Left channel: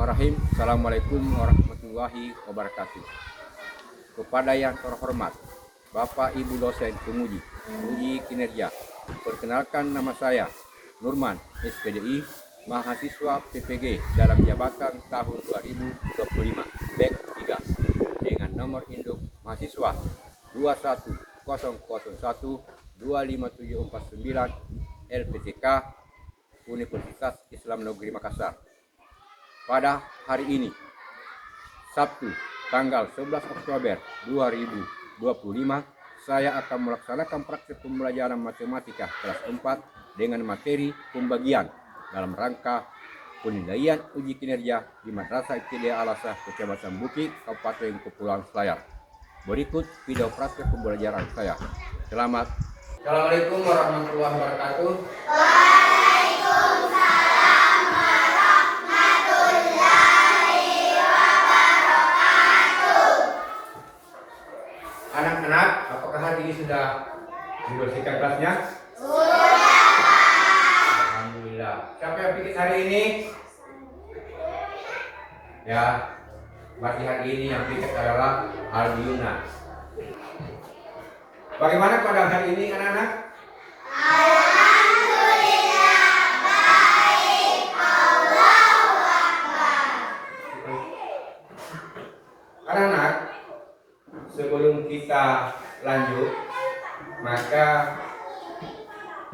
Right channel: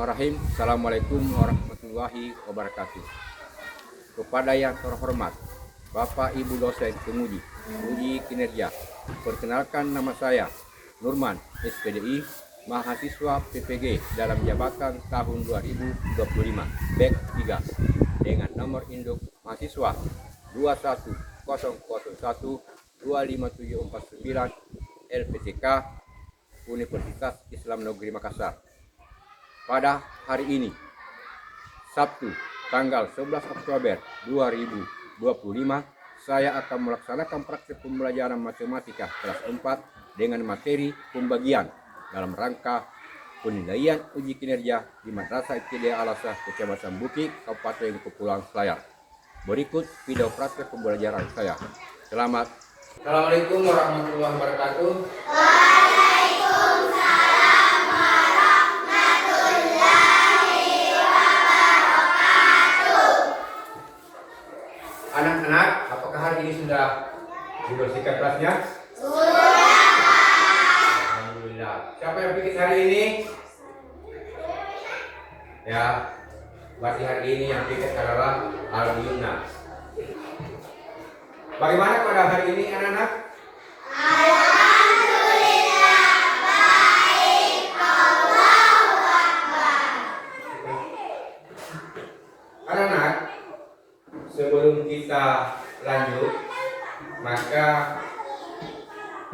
Bismillahirrahmanirrahim. Assalamualaikum warahmatullahi wabarakatuh. Kepada yang terhormat Bapak Ibu dosen penguji uji kinerja, perkenalkan nama saya Nurman SPDI, mahasiswa PPG dalam jabatan tahun 2025 BEK 3 dengan nomor induk mahasiswa 21001-25749 LPTK Universitas Islam Negeri Makassar. Pada hari ini, Sabtu, tanggal 11 Oktober 2025, saya akan melaksanakan praktik pembelajaran matematika kelas 4 dengan materi pembagian dalam rangka penilaian uji kinerja di Madrasah Ibtidaiyah Al-Asah, Kecamatan Buki, Kabupaten Kepulauan Selayar. Berikut video praktik pembelajaran saya. Selamat. Assalamualaikum warahmatullahi wabarakatuh. Anak-anak, apakah hari ini sudah dibersihkan kelasnya? Sudah. Alhamdulillah. Siapa yang bikin hari ini? Ya, berarti hari ini yang bikin adalah Al-Yuna. Bagaimana pada hari ini anak-anak? Alhamdulillah, baik. Allahu Akbar. Anak-anak, sebelum kita lanjut, maka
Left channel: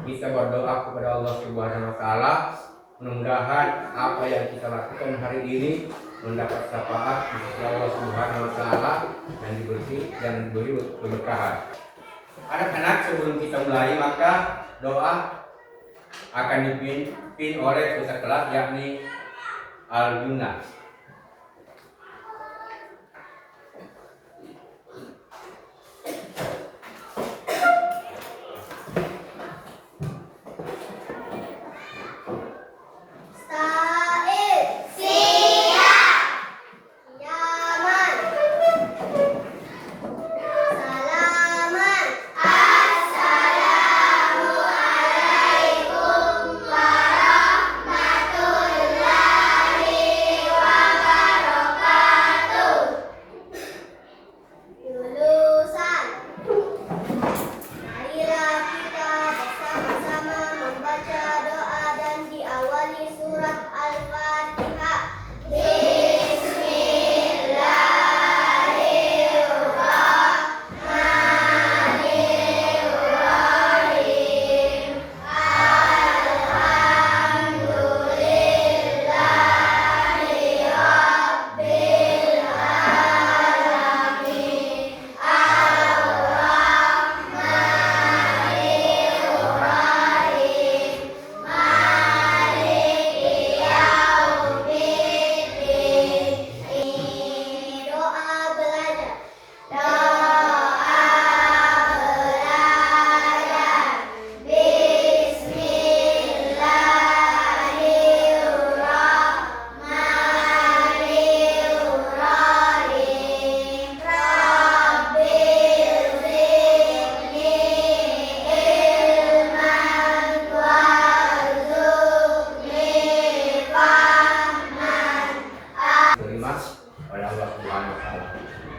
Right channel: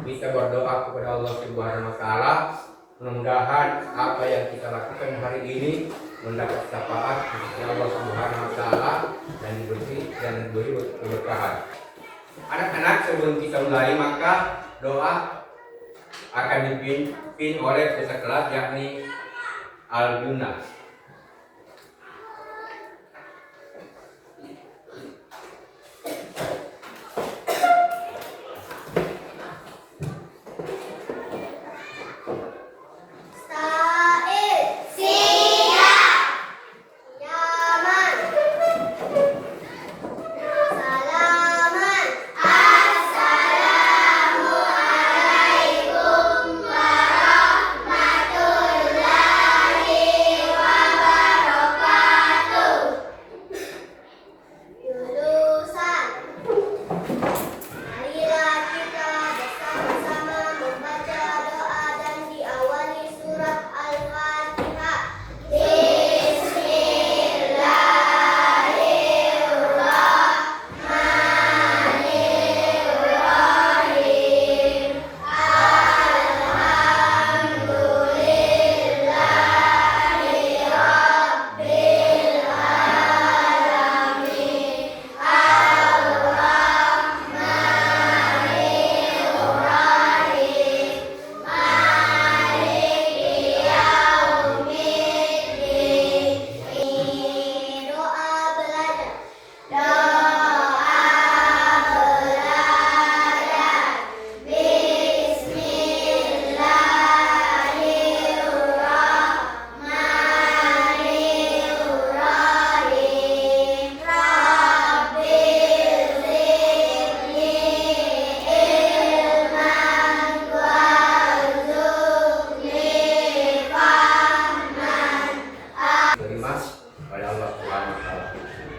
kita berdoa kepada Allah Subhanahu wa Ta'ala. Mudah-mudahan apa yang kita lakukan hari ini mendapat syafaat dari Allah Subhanahu wa Ta'ala dan diberi keberkahan. Anak-anak, sebelum kita mulai, maka doa akan dipimpin oleh peserta kelas, yakni Al-Yuna.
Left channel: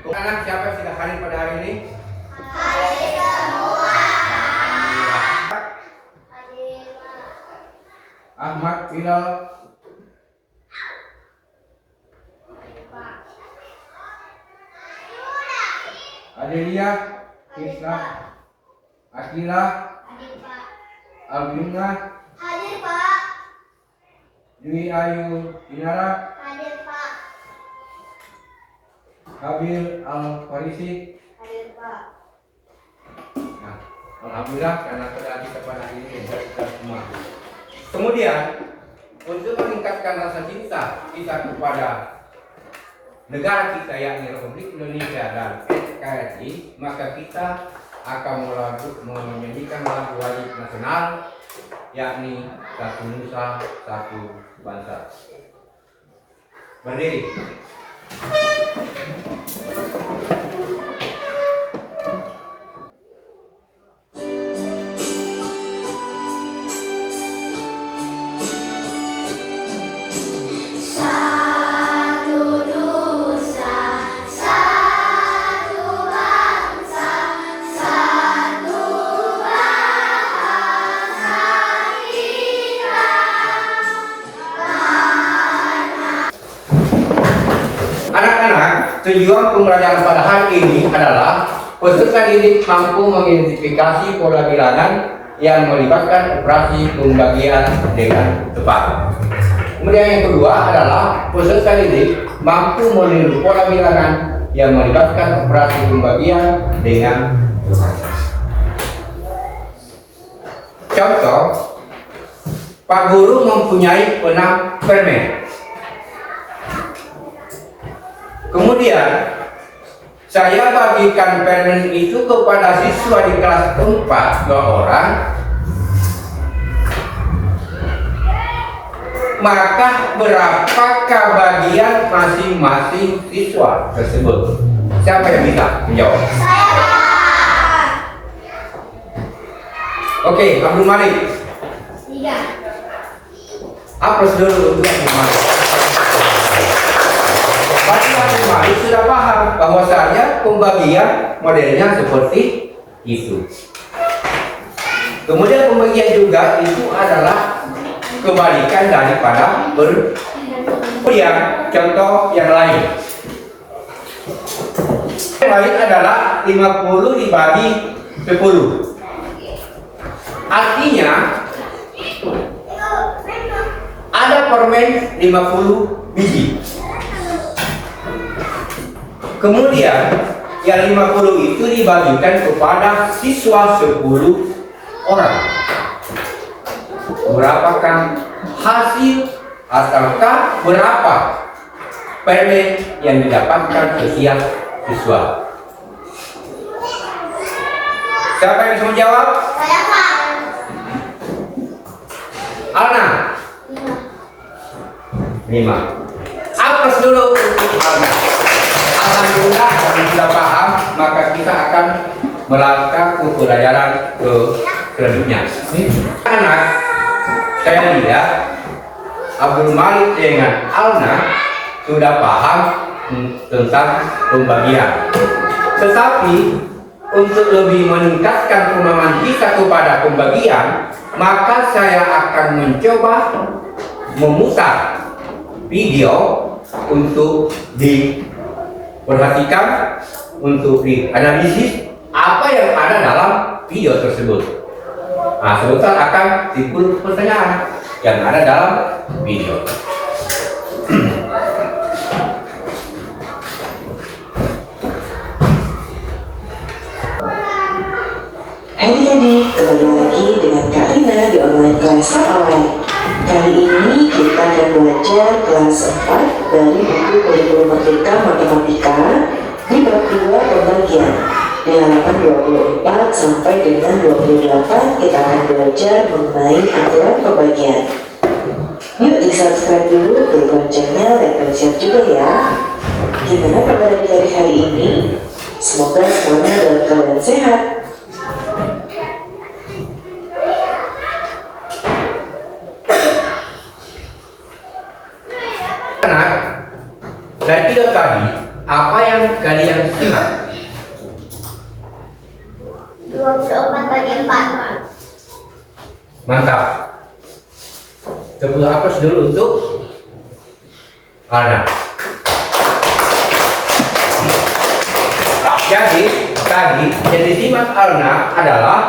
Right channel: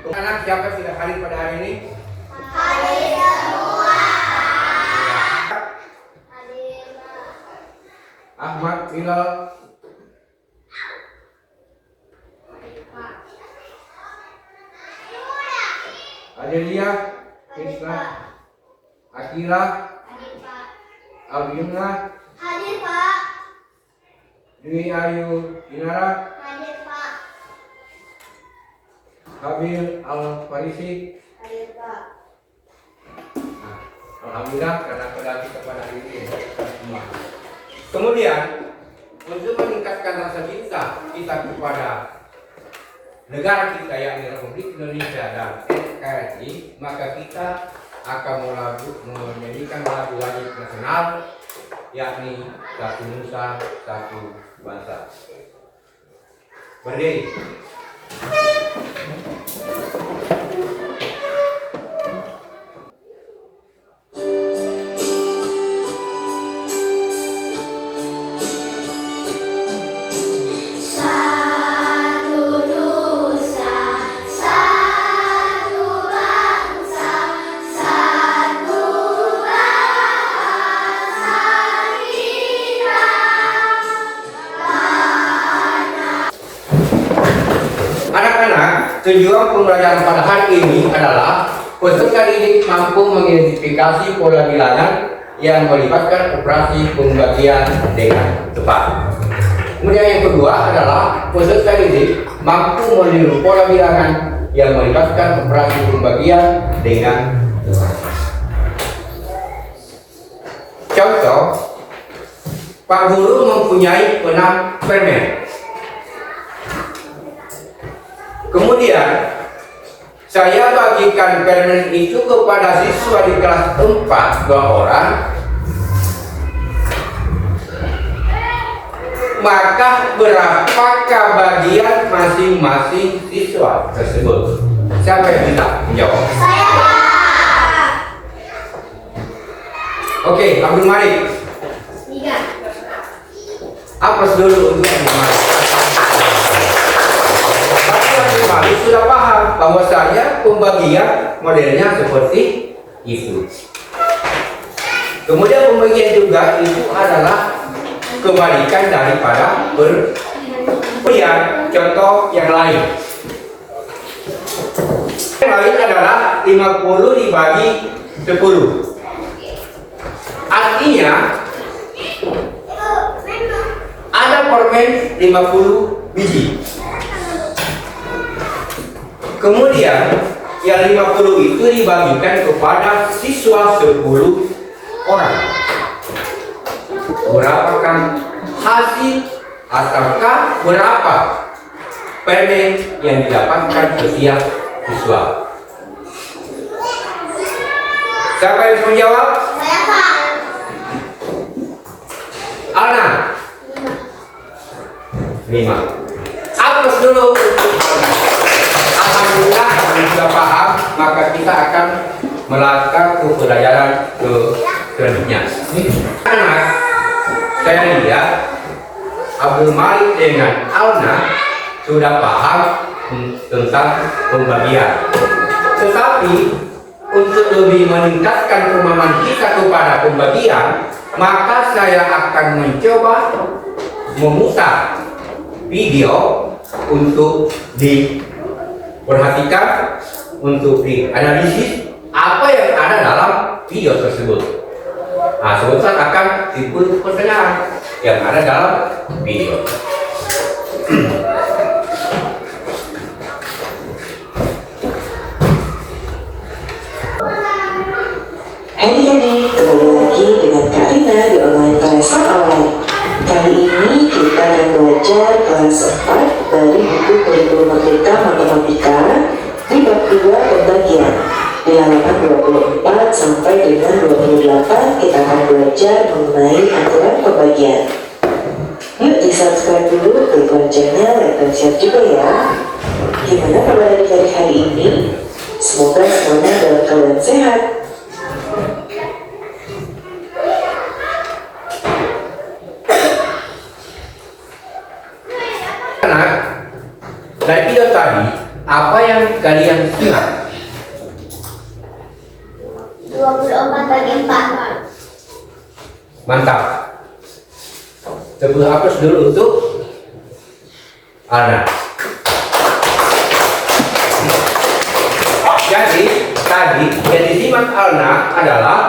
Anak siapa sudah hadir pada hari ini? Hadir semua. Hadir. Ahmad Bilal. Hadir Pak. Adelia Krisna. Akila. Hadir Pak. Al-Yuna. Hadir Pak. Dwi Ayu Inara. Habil Al-Farisi. Hadir Pak. Nah, alhamdulillah karena kita pada hari ini kita semua. Kemudian untuk meningkatkan rasa cinta kita kepada negara kita yakni Republik Indonesia dan NKRI, maka kita akan menyanyikan lagu wajib nasional yakni Satu Nusa Satu Bangsa. Berdiri. Satu tujuan pembelajaran pada hari ini adalah peserta didik mampu mengidentifikasi pola bilangan yang melibatkan operasi pembagian dengan tepat. Kemudian yang kedua adalah peserta didik mampu meniru pola bilangan yang melibatkan operasi pembagian dengan tepat. Contoh, Pak Guru mempunyai 6 permen. Kemudian saya bagikan permen itu kepada siswa di kelas 4, 2 orang. Maka berapakah bagian masing-masing siswa tersebut? Siapa yang bisa menjawab? Oke, Abdul Malik. Apa dulu untuk Abdul Malik? Pasti Abdul Malik sudah paham bahwasanya pembagian modelnya seperti itu. Kemudian pembagian juga itu adalah kebalikan daripada berpilihan. Contoh yang lain. Yang lain adalah 50 dibagi 10. Artinya ada permen 50 biji. Kemudian yang 50 itu dibagikan kepada siswa 10 orang. Berapakah hasil ataukah berapa permen yang didapatkan setiap siswa? Siapa yang bisa menjawab? Saya, Pak. Alna. 5. Apres dulu untuk Alna. Alhamdulillah kalau sudah paham, maka kita akan melangkah ke pelajaran ke selanjutnya. Anak, saya lihat Abdul Malik dengan Alna sudah paham tentang pembagian. Tetapi untuk lebih meningkatkan pemahaman kita kepada pembagian, maka saya akan mencoba memutar video untuk diperhatikan, untuk dianalisis apa yang ada dalam video tersebut. Nah, sebentar akan dipulih pertanyaan yang ada dalam video. Adik-adik, kembali lagi dengan Kak Rina di online kelas online. Kali ini kita akan belajar kelas 4 dari buku Kurikulum Merdeka Matematika di bab 2 pembagian. Di halaman 24 sampai dengan 28 kita akan belajar mengenai aturan pembagian. Yuk di subscribe dulu, klik loncengnya, like dan share juga ya. Gimana pelajaran dari hari ini? Semoga semuanya dalam keadaan sehat. Dan video tadi, apa yang kalian ingat? 24 bagi 4. Mantap. Coba hapus dulu untuk Alna. Jadi tadi yang disimak Alna adalah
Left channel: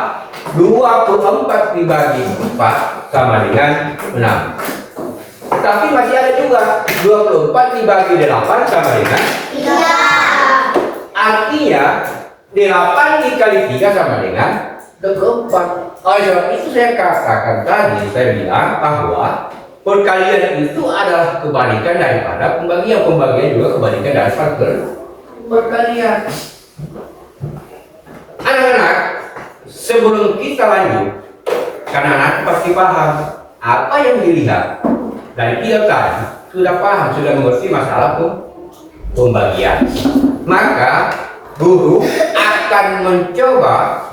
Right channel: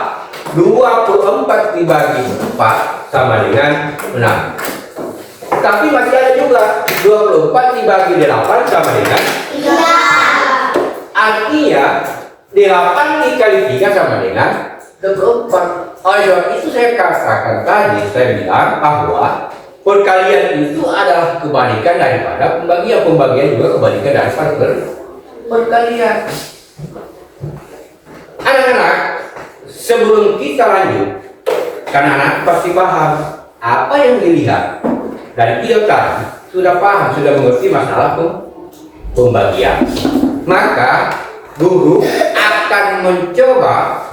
24 dibagi 4 sama dengan 6. Tapi masih ada juga 24 dibagi 8 sama dengan 3. Artinya 8 dikali 3 sama dengan 24. Oleh sebab itu saya katakan tadi, saya bilang bahwa perkalian itu adalah kebalikan daripada pembagian. Pembagian juga kebalikan daripada perkalian. Anak-anak, sebelum kita lanjut, karena anak pasti paham apa yang dilihat dari video tadi, sudah paham, sudah mengerti masalah pembagian. Maka guru akan mencoba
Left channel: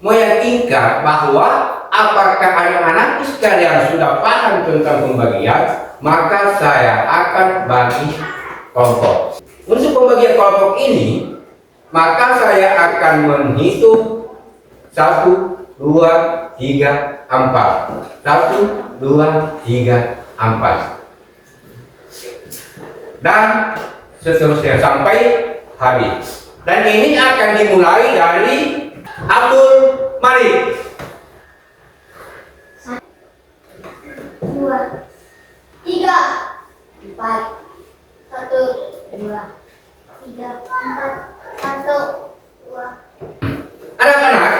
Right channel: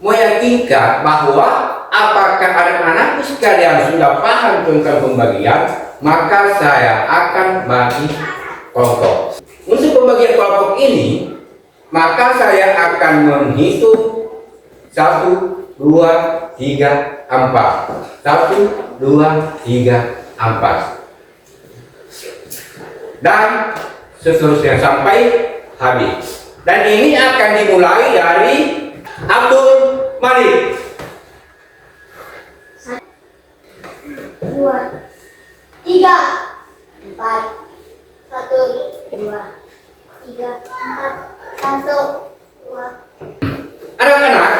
meyakinkan bahwa apakah anak-anak sekalian sudah paham tentang pembagian, maka saya akan bagi kelompok. Untuk pembagian kelompok ini, maka saya akan menghitung 1, 2, 3, 4. 1, 2, 3, 4. Dan seterusnya sampai habis. Dan ini akan dimulai dari Abdul Malik. 2, 3, 4, 1, 2, 3, 4, 1, 2. Anak-anak,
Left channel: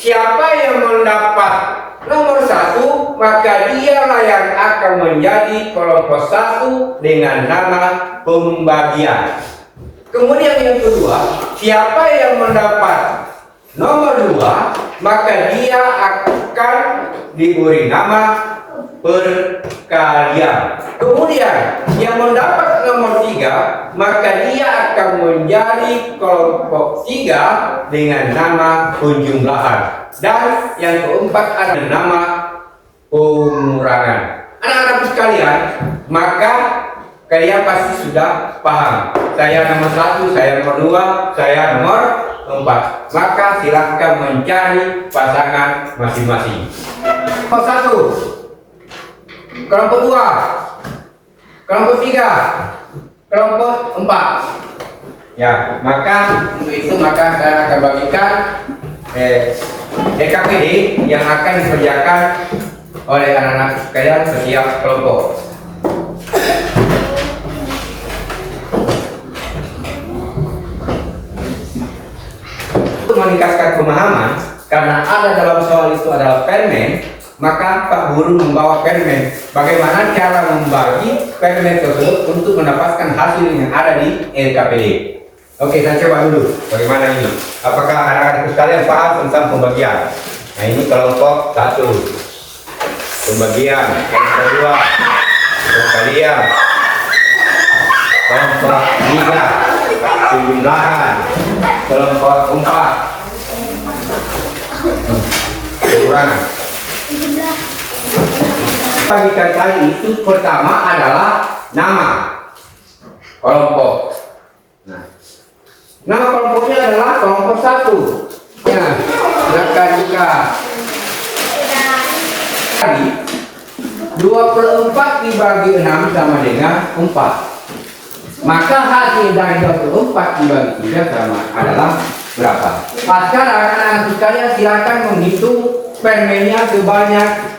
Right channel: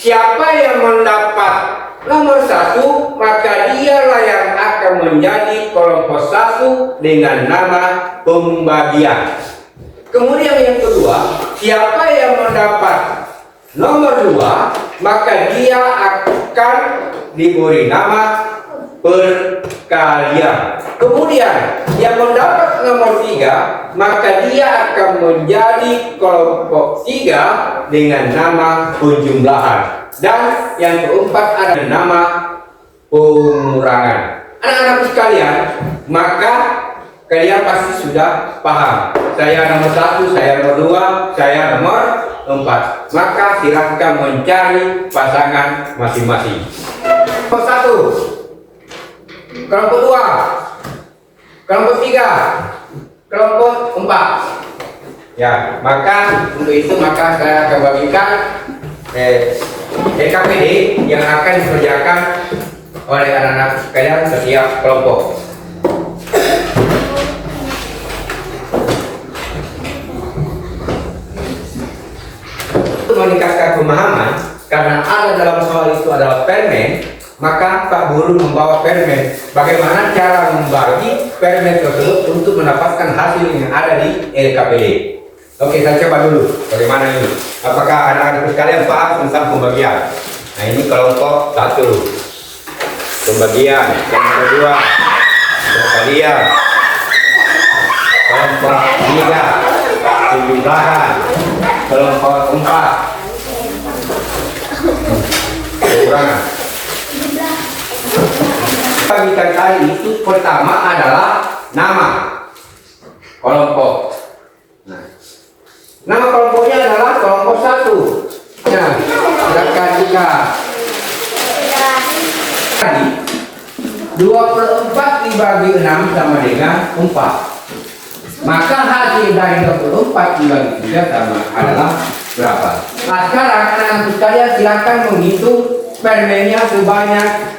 siapa yang mendapat nomor 1, maka dialah yang akan menjadi kelompok 1 dengan nama pembagian. Kemudian yang kedua, siapa yang mendapat nomor 2, maka dia akan diberi nama perkalian. Kemudian yang mendapat nomor 3, maka dia akan menjadi kelompok 3 dengan nama penjumlahan. Dan yang keempat ada nama pengurangan. Anak-anak sekalian, maka kalian pasti sudah paham. Saya nomor 1, saya nomor 2, saya nomor 4. Maka silahkan mencari pasangan masing-masing. Kelompok 1, kelompok 2, kelompok 3, kelompok 4. Ya, maka untuk itu maka saya akan bagikan EKPD yang akan dikerjakan oleh anak-anak sekalian setiap kelompok. Untuk meningkatkan pemahaman, karena ada dalam soal itu adalah permen, maka Pak Guru membawa permen. Bagaimana cara membagi permen tersebut untuk mendapatkan hasil yang ada di LKPD. Oke, saya coba dulu bagaimana ini. Apakah anak-anak sekalian paham tentang pembagian? Nah, ini kelompok 1, pembagian. Yang kedua, perkalian. Kelompok 3, penjumlahan. Kelompok 4, pengurangan. Bagikan tadi itu pertama adalah nama kelompok. Nah, nama kelompoknya adalah kelompok 1. Ya, silakan buka. Tadi 2/4 dibagi 6 sama dengan 4. Maka hasil dari 24 dibagi 3 sama adalah berapa? Nah, sekarang anak-anak sekalian silakan menghitung permennya sebanyak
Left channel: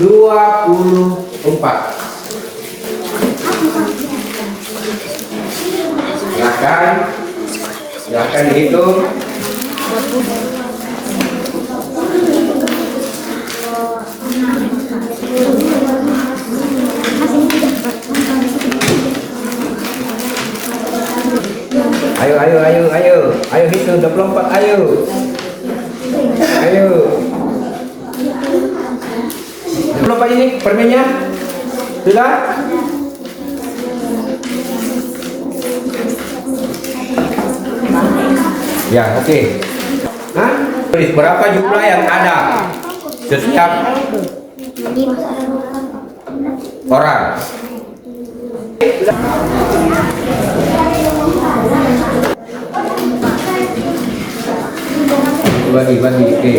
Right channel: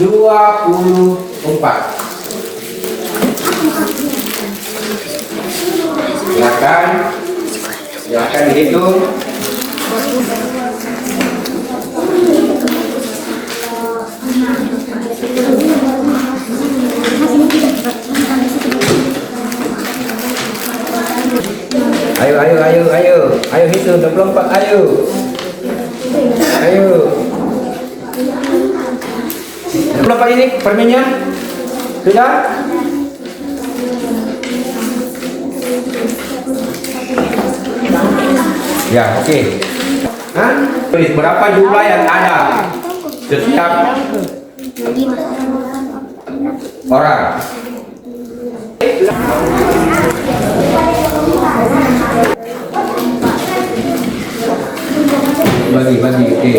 24. Silakan dihitung. Ayo hitung 24, ayo. Berapa ini permennya? Sudah? Ya, oke. Hah? Tulis berapa jumlah yang ada setiap orang. Bagi, oke.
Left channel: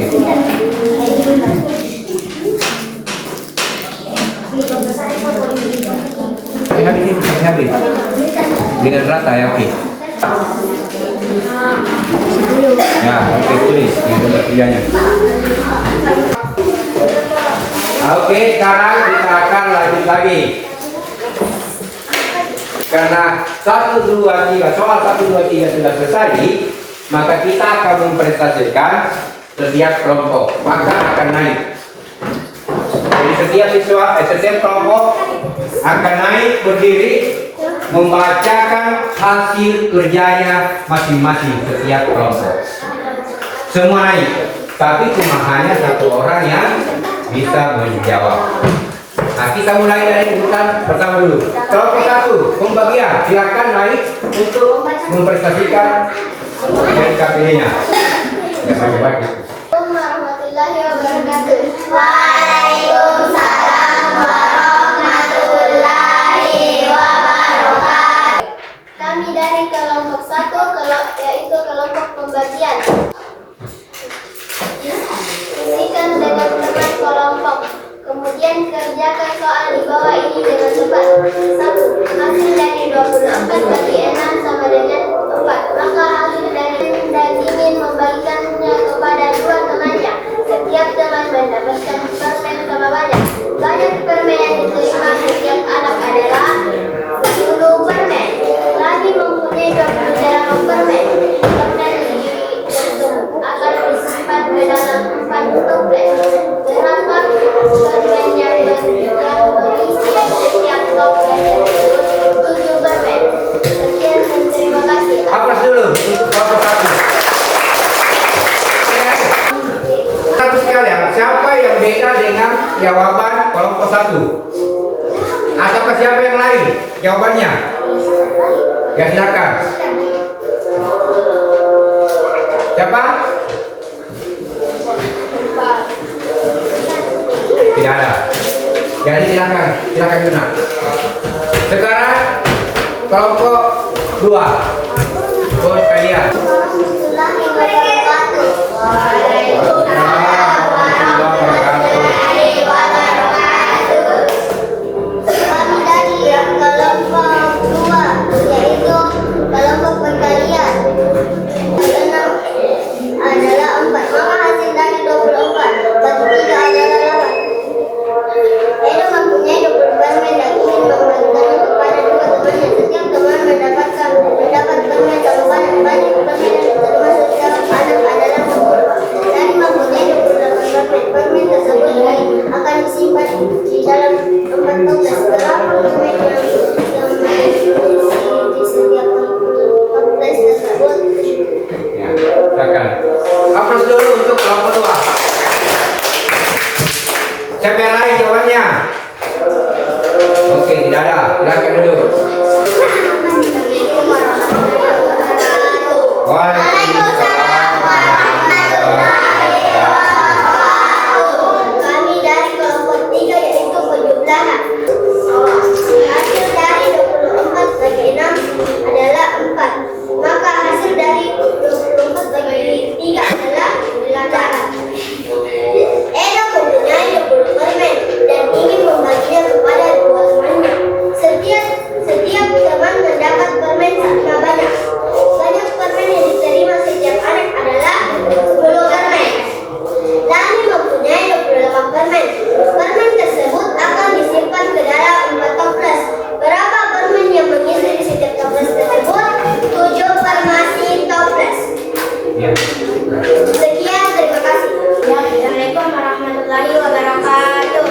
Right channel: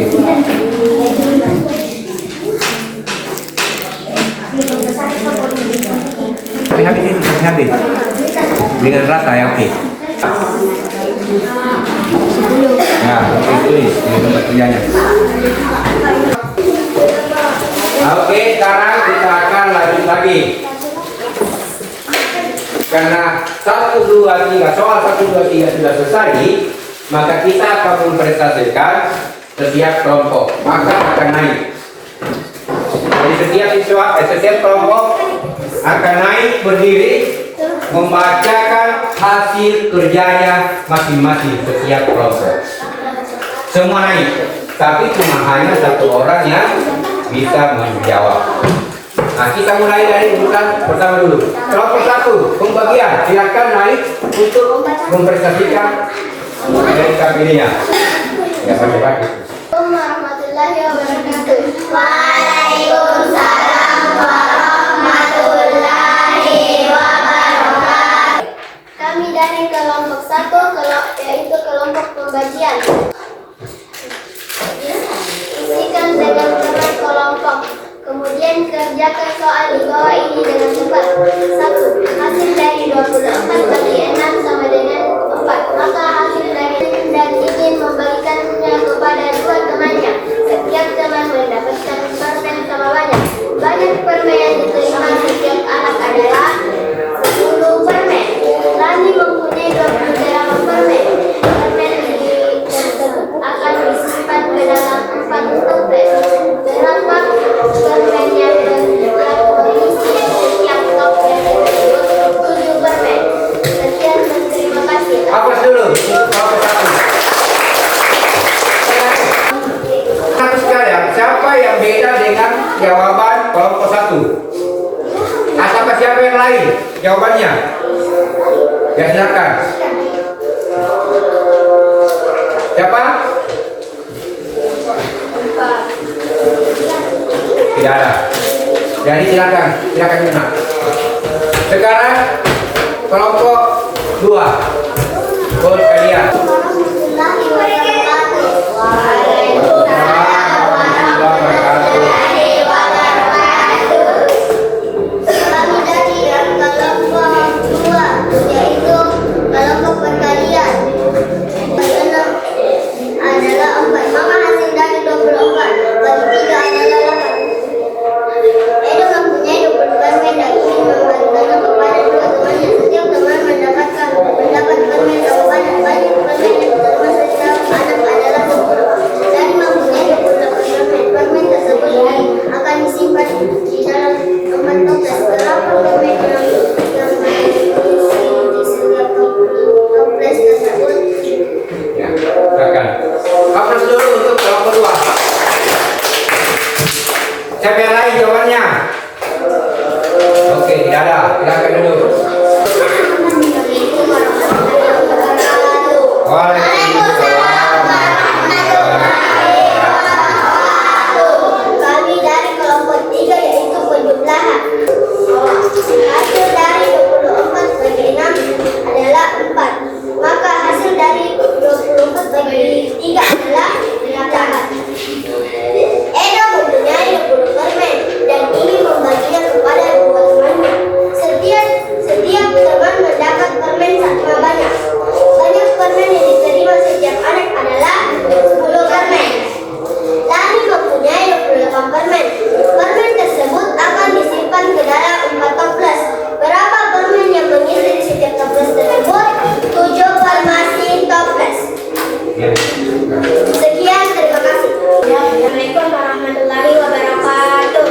Habis. Dengan rata ya, oke. Nah, oke, tulis di tempat tianya. Oke, sekarang kita akan lanjut lagi. Karena 1, 2, 3, soal 1, 2, 3 sudah selesai, maka kita akan mempresentasikan setiap kelompok, maka akan naik. Jadi setiap kelompok akan naik berdiri membacakan hasil kerjanya masing-masing setiap kelompok. Semua naik, tapi cuma hanya 1 orang yang bisa menjawab. Nah, kita mulai dari urutan pertama dulu. Kelompok 1, pembagian. Silakan naik untuk mempresentasikan dari KPD-nya. Ya, pagi-pagi. Warahmatullahi wabarakatuh. Waalaikumsalam warahmatullahi wabarakatuh. Kami dari kelompok 1, yaitu kelompok pembagian. Isikan dengan teman kelompok. Kemudian kerjakan soal di bawah ini dengan coba. 1. Hasil dari 24 bagi 6 Banyak permen yang diterima setiap anak adalah 10 permen. Lani mempunyai 28 permen. Permen tersebut akan disimpan ke dalam 4 toples. Berapa permen yang mengisi setiap toples tersebut? 7 permen. Sekian dan terima kasih. Aplaus dulu untuk kelompok 1. Satu sekalian, siapa yang beda dengan jawaban kelompok 1? Ataukah siapa yang lain jawabannya? Ya silakan. Siapa? Tidak ada. Jadi silakan Yuna. Sekarang kelompok 2. Buat kalian. Kami dari kelompok 2, yaitu kelompok perkalian. Adalah 4, maka hasil dari 24 bagi 3 adalah 8. Edo mempunyai 20 permen dan ingin membagikannya kepada 2 temannya. Setiap teman mendapat permen sama banyak permen yang diterima setiap anak adalah 10. Dari mempunyai 28 permen, permen tersebut akan disimpan di dalam 4 toples. Berapa permen yang di setiap toples tersebut? Ya, silakan. Aplaus dulu untuk kelompok 2. Siapa yang lain jawabannya? Oke, tidak ada. Silakan dulu. Waalaikumsalam. Kami dari kelompok 3, yaitu penjumlahan. Hasil dari 24 bagi 6 adalah 4. Maka hasil dari 24 bagi 3 adalah 8. Edo mempunyai 20 permen dan ingin membaginya kepada 2 temannya. Setiap teman mendapat permen sama banyak. Banyak permen yang diterima setiap anak adalah 10 permen. Lani mempunyai 28 permen. Permen tersebut akan disimpan ke dalam 4 toples. Berapa permen yang mengisi di setiap toples tersebut? 7 per masing toples. Ya. Sekian, terima kasih. Assalamualaikum warahmatullahi wabarakatuh.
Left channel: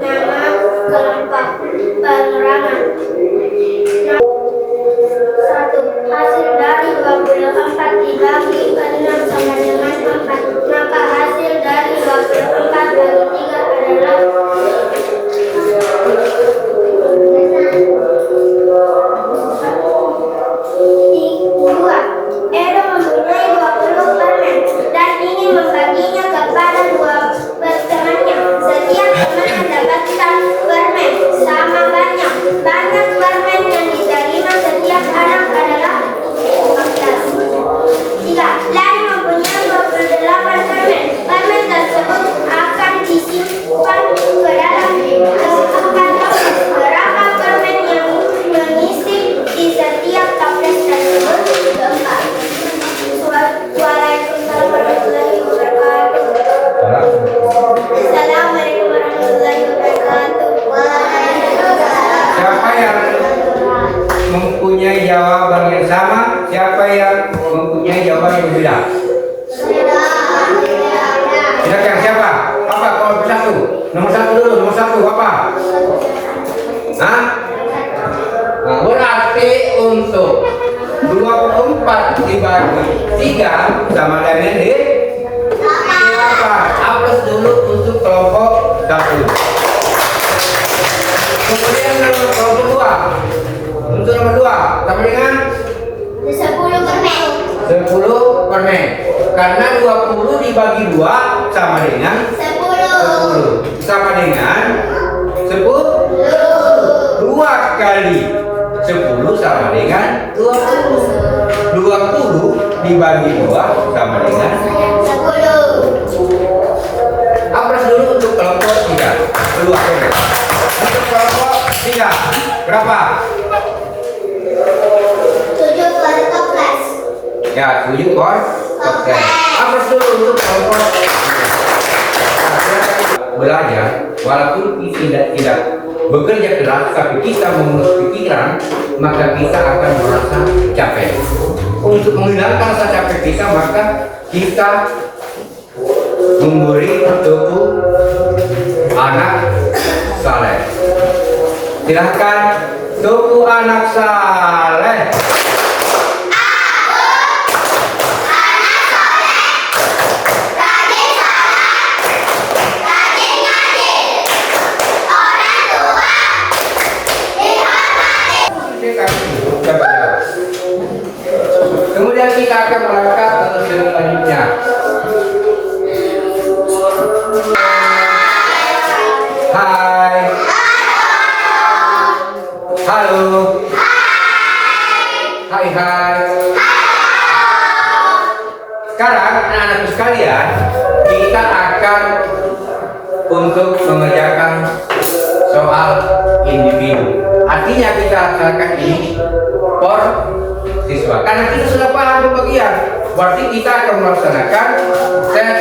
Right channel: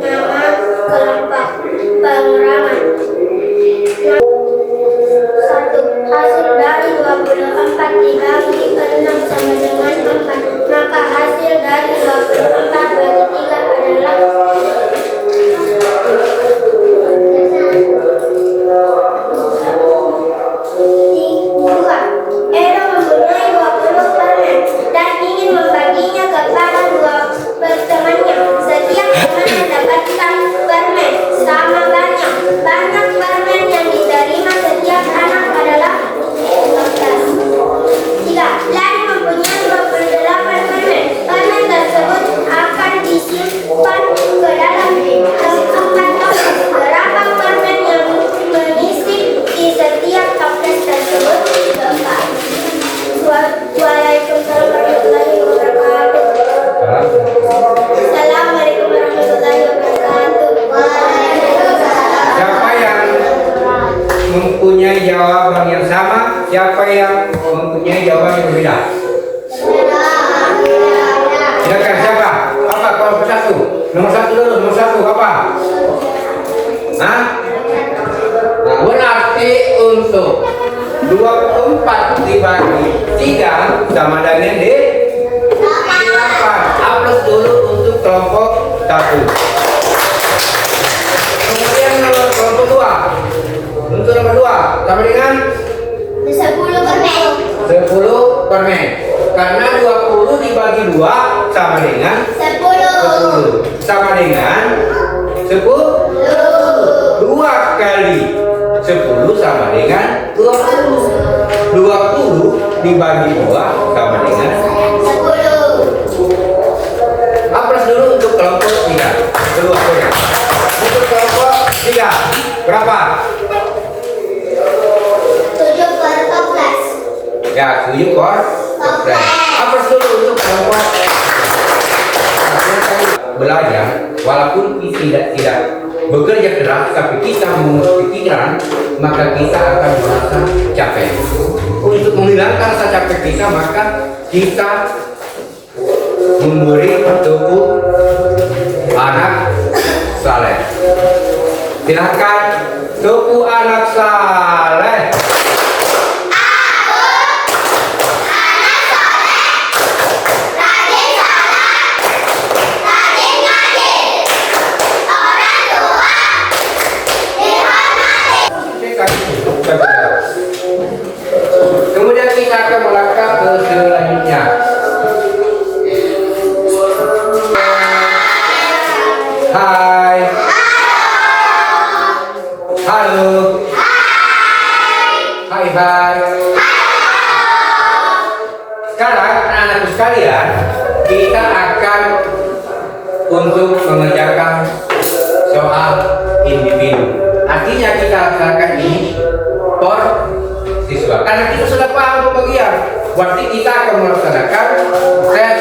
Nama kelompok pengurangan. 1. Hasil dari 24 dibagi 6 sama dengan 4. Maka hasil dari 24 bagi 3 adalah 2. Edo mempunyai 20 permen dan ingin membaginya kepada 2 temannya. Setiap teman mendapatkan permen sama banyak. Banyak permen yang diterima setiap anak adalah 14. 3. Lani mempunyai 28 permen. Permen tersebut akan disimpan ke dalam 4 toples. Berapa permen yang mengisi di setiap toples tersebut? 4. Waalaikumsalam warahmatullahi wabarakatuh. Assalamualaikum warahmatullahi wabarakatuh. Waalaikumsalam. Siapa yang mempunyai jawaban yang sama? Siapa yang mempunyai jawaban yang berbeda? Silakan siapa? Apa kelompok 1? Nomor 1 dulu. Nomor 1 apa? Hah? Nah, berarti untuk 24 dibagi 3 sama dengan 8. Aplaus dulu untuk kelompok 1. Kemudian kelompok 2. Untuk nomor 2 sama dengan 10 permen. 10 permen. Karena 20 dibagi 2 sama dengan 10. Sama dengan 10. 2 kali 10 sama dengan 20. 20 dibagi 2 sama dengan 10. Aplaus dulu untuk kelompok 3. Kedua. Untuk kelompok 3 berapa? 7 per toples. Ya, 7 per sukses. Apa dulu untuk kelompok belajar, walaupun kita tidak bekerja keras, tapi kita memiliki pikiran, maka kita akan merasa capek. Untuk menghilangkan rasa capek kita, maka kita memberi tubuh anak saleh. Silahkan tubuh anak saleh. Kemudian kita akan melangkah ke selanjutnya. Hai. Halo. Hai hai. Sekarang anak-anakku sekalian, kita akan untuk mengerjakan soal individu. Artinya kita laksanakan ini per siswa. Karena kita sudah paham pembagian, berarti kita akan melaksanakan tes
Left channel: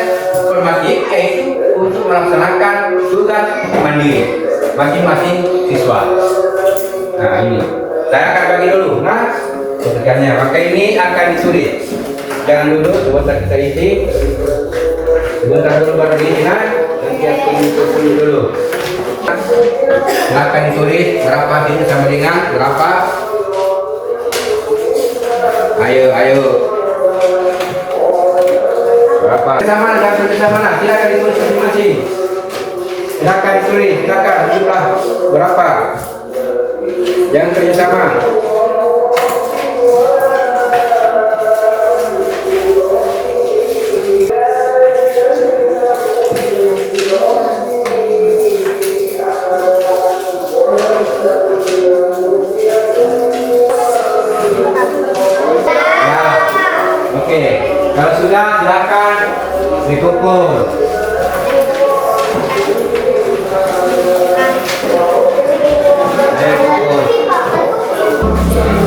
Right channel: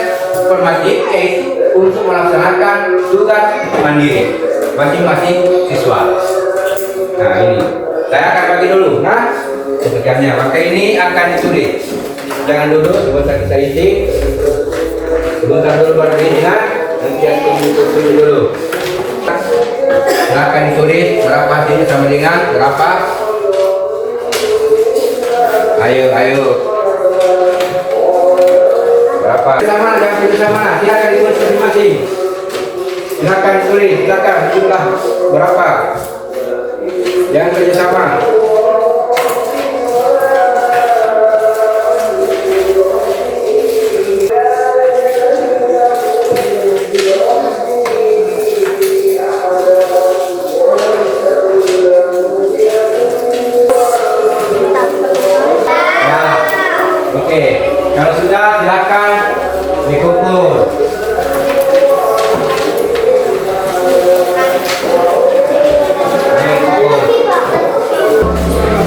formatif, yaitu untuk melaksanakan tugas mandiri masing-masing siswa. Nah ini, saya akan bagi dulu. Nah, sebenarnya maka ini akan ditulis. Jangan duduk, sebentar kita isi. Sebentar dulu baru dilihat. Nanti akan ditulis dulu. Nah, akan ditulis berapa hasilnya sama dengan berapa. Ayo. Berapa? Sama dan bersama. Silakan ditulis masing-masing. Silakan ditulis. Silakan jumlah berapa. Jangan kerjasama. Oke, kalau sudah silakan dikumpul.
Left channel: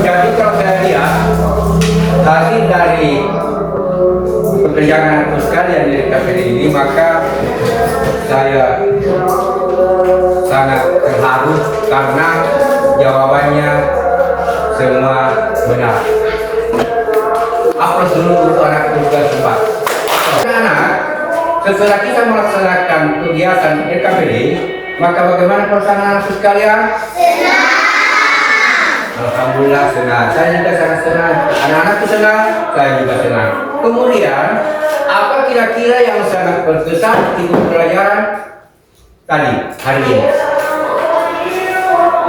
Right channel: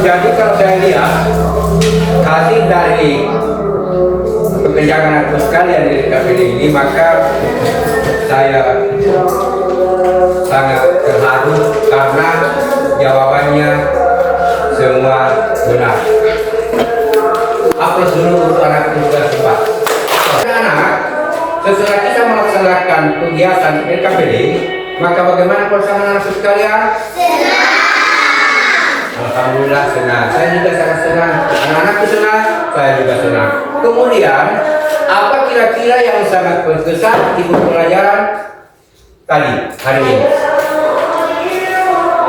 Jadi kalau saya lihat hasil dari pekerjaan anakku sekalian dari KPD ini, maka saya sangat terharu karena jawabannya semua benar. Aplaus dulu untuk anak juga sempat. Anak-anak, setelah kita melaksanakan kegiatan LKPD, maka bagaimana perasaan anak sekalian? Senang. Alhamdulillah senang. Saya juga sangat senang. Anak-anakku senang, saya juga senang. Kemudian, apa kira-kira yang sangat berkesan di pelajaran tadi hari ini?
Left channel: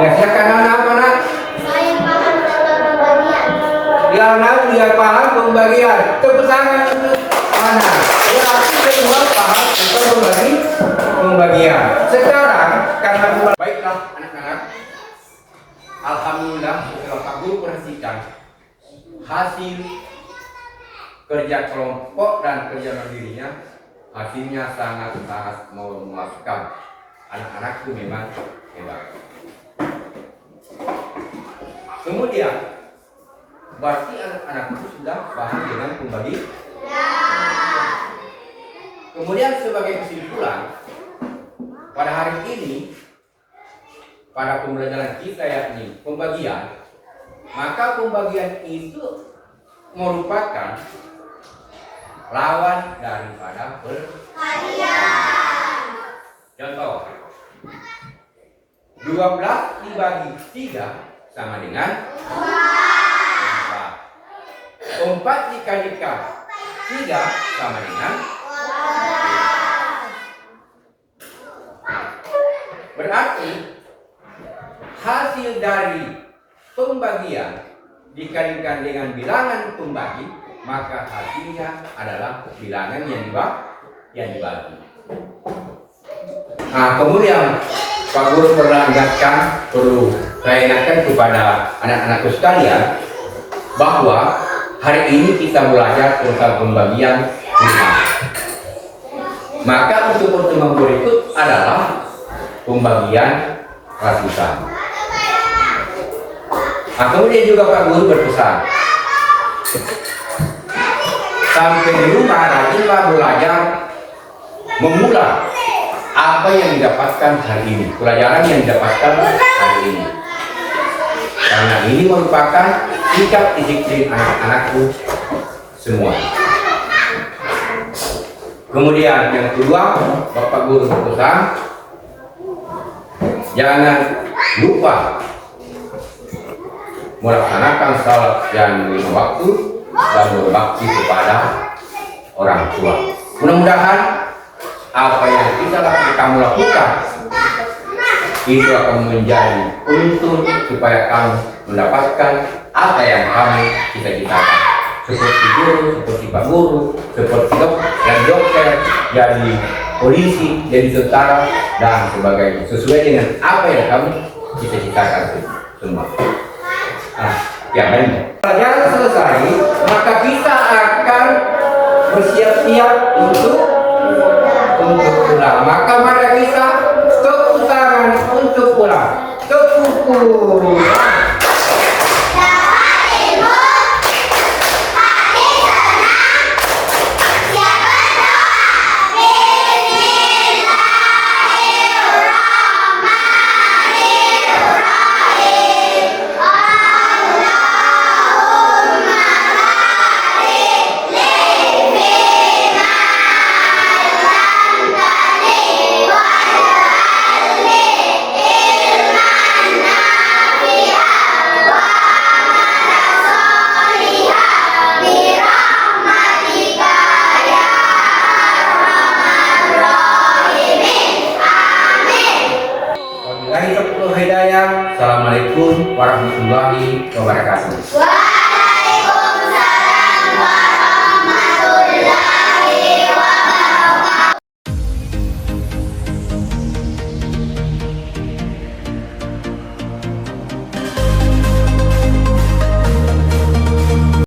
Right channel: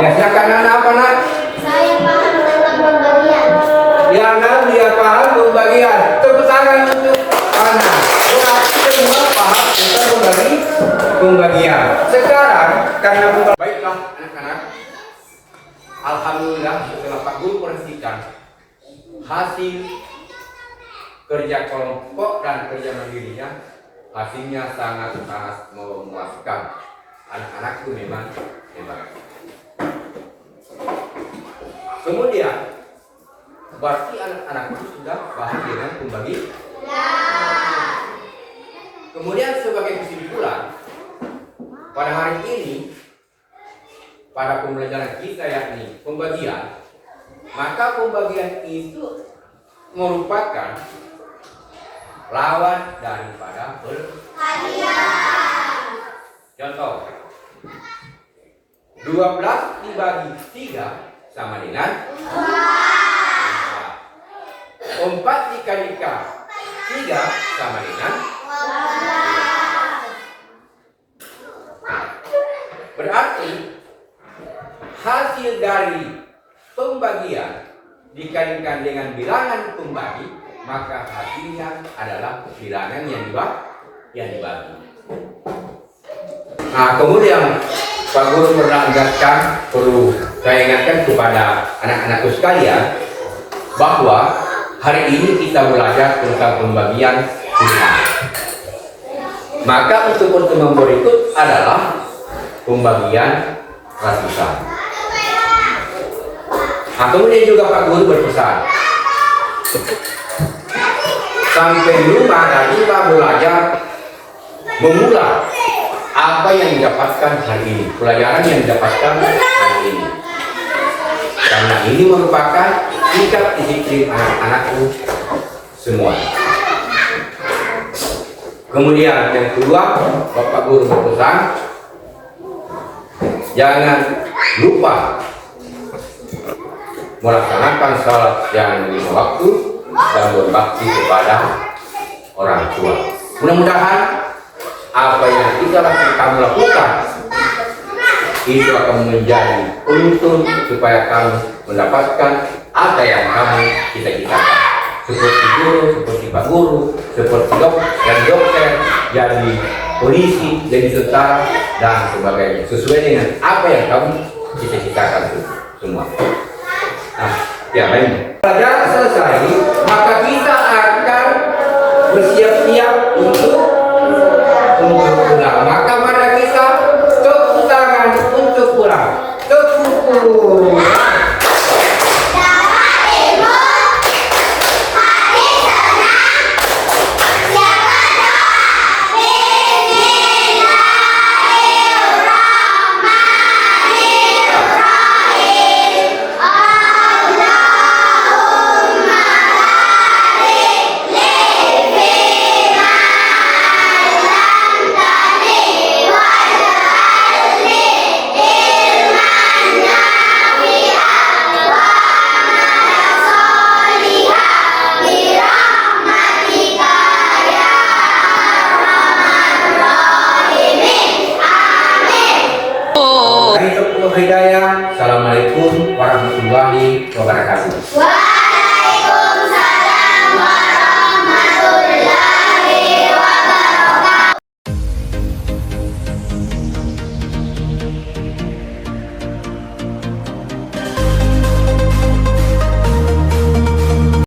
Ya, silakan anak apa nak? Saya paham tentang pembagian. Dia paham pembagian. Tepuk tangan untuk anak. Ya, kita semua paham tentang pembagian. Sekarang karena baiklah anak-anak. Alhamdulillah setelah Pak Guru perhatikan hasil kerja kelompok dan kerja mandirinya, hasilnya sangat memuaskan. Anak-anakku memang hebat. Kemudian berarti anak-anakku sudah paham dengan pembagian. Kemudian sebagai kesimpulan, pada hari ini pada pembelajaran kita yakni pembagian, maka pembagian itu merupakan lawan daripada perhatian. Contoh, 12 dibagi 3 sama dengan 4. 4 dikalikan 3 sama dengan 4. Berarti hasil dari pembagian dikalikan dengan bilangan pembagi, maka hasilnya adalah bilangan yang dibagi. Nah, kemudian Pak Guru pernah perlu saya ingatkan kepada anak-anakku sekalian bahwa hari ini kita belajar tentang pembagian pilihan. Maka untuk pertemuan berikut adalah pembagian ratusan. Nah, kemudian juga Pak Guru berpesan, sampai di rumah dan juga belajar mengulang apa yang didapatkan hari ini, pelajaran yang didapatkan hari ini. Karena ini merupakan sikap disiplin anak-anakku semua. Kemudian yang kedua, Bapak Guru berpesan, jangan lupa melaksanakan salat yang 5 waktu dan berbakti kepada orang tua. Mudah-mudahan apa yang kamu lakukan itu akan menjadi untun supaya kamu mendapatkan apa yang kamu cita-citakan. Seperti guru, seperti Pak Guru, seperti dokter, jadi polisi, jadi tentara, dan sebagainya. Sesuai dengan apa yang kamu cita-citakan semua. Nah, ya baik. Pelajaran selesai, maka kita akan bersiap-siap untuk pulang. Maka mari kita tepuk tangan untuk pulang. Tepuk. Hidayah. Assalamualaikum warahmatullahi wabarakatuh.